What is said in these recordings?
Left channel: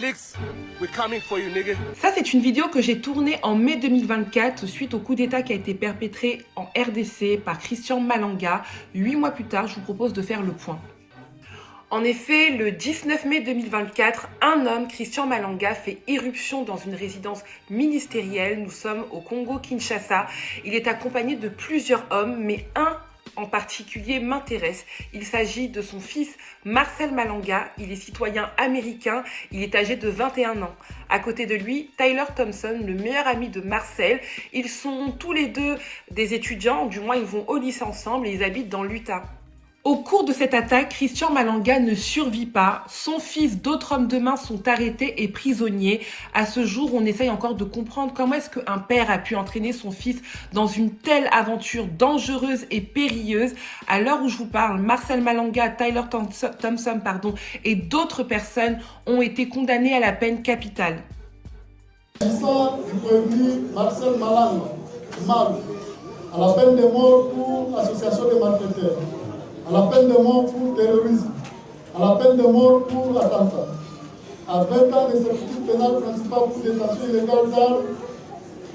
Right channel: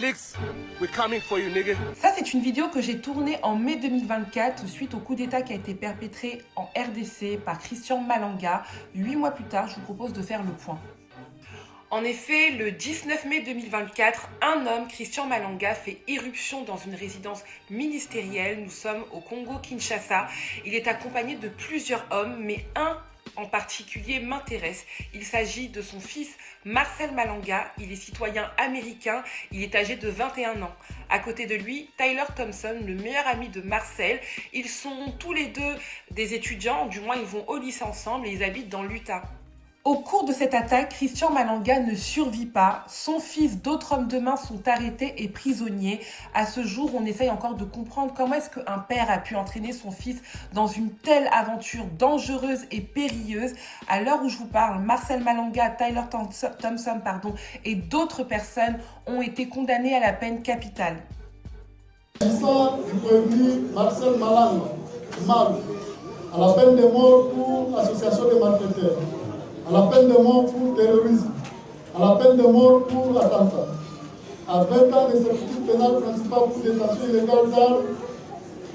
We're coming for you, nigga. Ça, c'est une vidéo que j'ai tournée en mai 2024 suite au coup d'État qui a été perpétré en RDC par Christian Malanga. 8 mois plus tard, je vous propose de faire le point. En effet, le 19 mai 2024, un homme, Christian Malanga, fait irruption dans une résidence ministérielle. Nous sommes au Congo-Kinshasa. Il est accompagné de plusieurs hommes, mais un en particulier m'intéresse. Il s'agit de son fils Marcel Malanga. Il est citoyen américain. Il est âgé de 21 ans. À côté de lui, Tyler Thompson, le meilleur ami de Marcel. Ils sont tous les deux des étudiants, du moins ils vont au lycée ensemble et ils habitent dans l'Utah. Au cours de cette attaque, Christian Malanga ne survit pas. Son fils, d'autres hommes de main sont arrêtés et prisonniers. À ce jour, on essaye encore de comprendre comment est-ce qu'un père a pu entraîner son fils dans une telle aventure dangereuse et périlleuse. À l'heure où je vous parle, Marcel Malanga, Tyler Thompson, et d'autres personnes ont été condamnés à la peine capitale. S'agissant du prévenu Marcel Malanga, à la peine de mort pour association de malfaiteurs, à la peine de mort pour terrorisme, à la peine de mort pour attentat, à 20 ans de servitude pénale principale pour détention illégale d'armes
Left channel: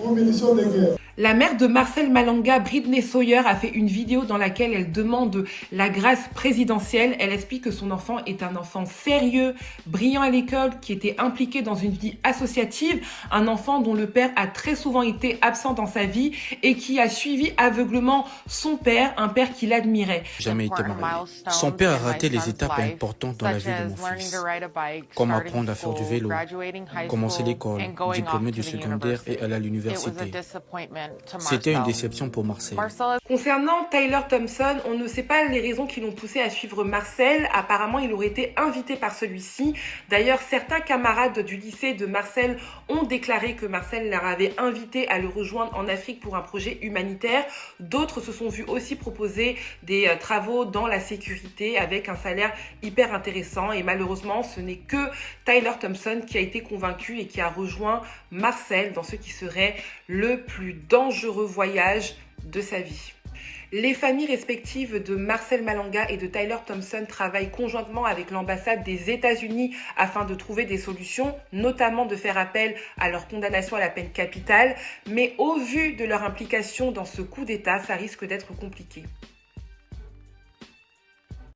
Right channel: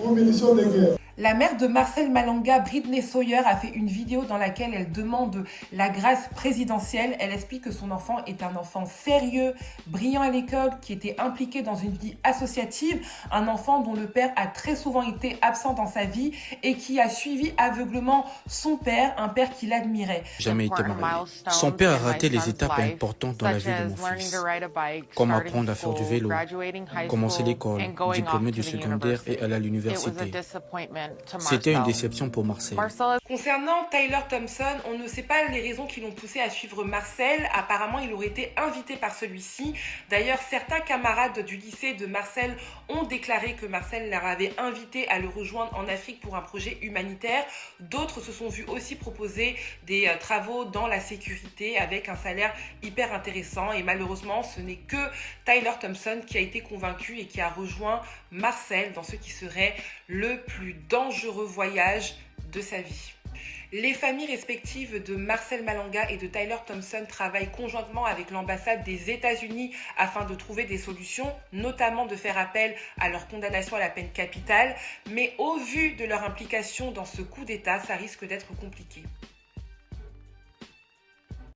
ou munitions de guerre. La mère de Marcel Malanga, Britney Sawyer, a fait une vidéo dans laquelle elle demande la grâce présidentielle. Elle explique que son enfant est un enfant sérieux, brillant à l'école, qui était impliqué dans une vie associative, un enfant dont le père a très souvent été absent dans sa vie et qui a suivi aveuglement son père, un père qu'il admirait. Jamais été marié. Son père a raté les étapes importantes dans la vie de mon fils, comme apprendre à faire du vélo, commencer l'école, diplômé du secondaire et aller à l'université. C'était une déception pour Marcel. Concernant Tyler Thompson, on ne sait pas les raisons qui l'ont poussé à suivre Marcel. Apparemment, il aurait été invité par celui-ci. D'ailleurs, certains camarades du lycée de Marcel ont déclaré que Marcel leur avait invité à le rejoindre en Afrique pour un projet humanitaire. D'autres se sont vus aussi proposer des travaux dans la sécurité avec un salaire hyper intéressant. Et malheureusement, ce n'est que Tyler Thompson qui a été convaincu et qui a rejoint Marcel dans ce qui serait le plus dangereux voyage de sa vie. Les familles respectives de Marcel Malanga et de Tyler Thompson travaillent conjointement avec l'ambassade des États-Unis afin de trouver des solutions, notamment de faire appel à leur condamnation à la peine capitale. Mais au vu de leur implication dans ce coup d'État, ça risque d'être compliqué.